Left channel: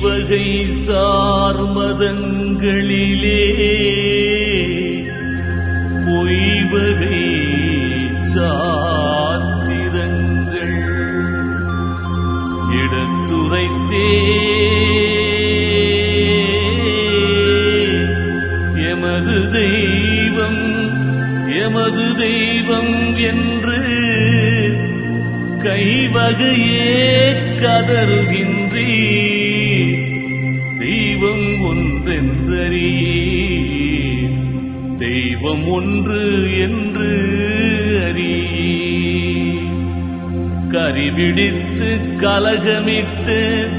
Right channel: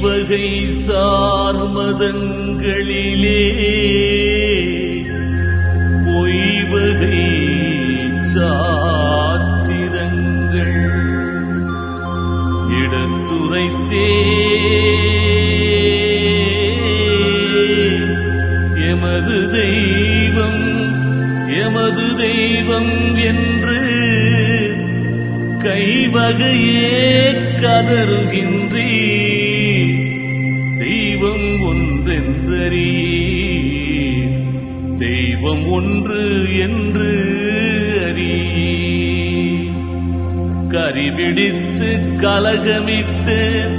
வகை சார்மதங்களிலே பொய்வகை சாத்திரங்கள் எடுத்துரைத்தே. எமது தெய்வம் எமது தெய்வம் என்று கைவகையே கதறுகின்றீ தெய்வம் ஒன்றென்றறியீர். தெய்வம் ஒன்று என்று அறியே கரிபிடித்து கலகமிட்டு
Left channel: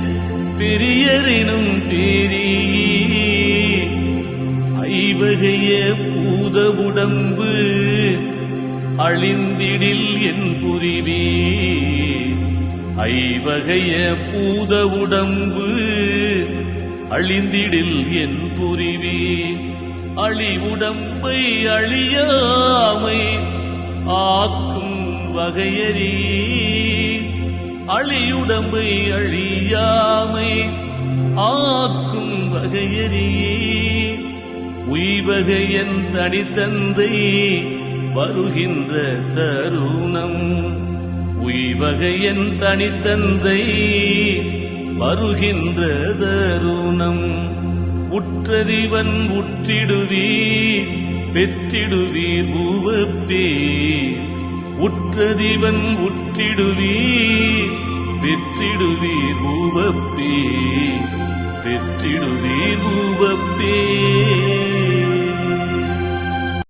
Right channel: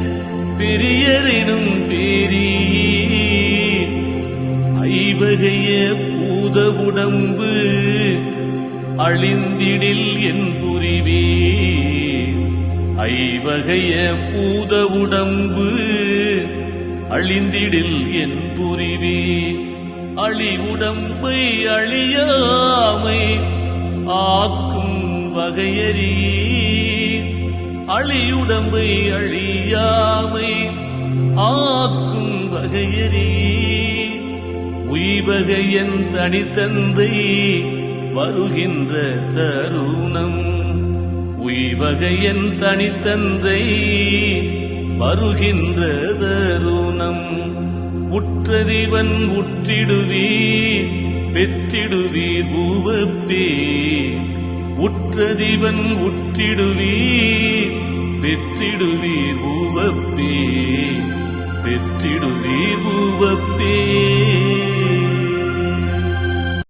பெரியரினும் பெரியே ஐவகைய பூத உடம்பு அழிந்திடில் என் புரிவே. ஐவகைய பூத உடம்பு அழிந்திடில் என் புரிவே. அழி உடம்பை அழியாமை ஆக்கும் வகையறியே. அழியுடம்பை அழியாமை ஆக்கும் வகையறியே. உய்வகையன் தனித்தந்தை வருகின்ற தருணம். உய்வகையன் தனித்தந்தை வருகின்ற தருணம். உற்றதிவன் உற்றிடுவீர் பெற்றிடுவீர் பூவப்பே உற்றதிவன் உற்றிடுவீர் பெற்றிடுவீர் பூவப்பே பெற்றிடுவீர் பூவப்பே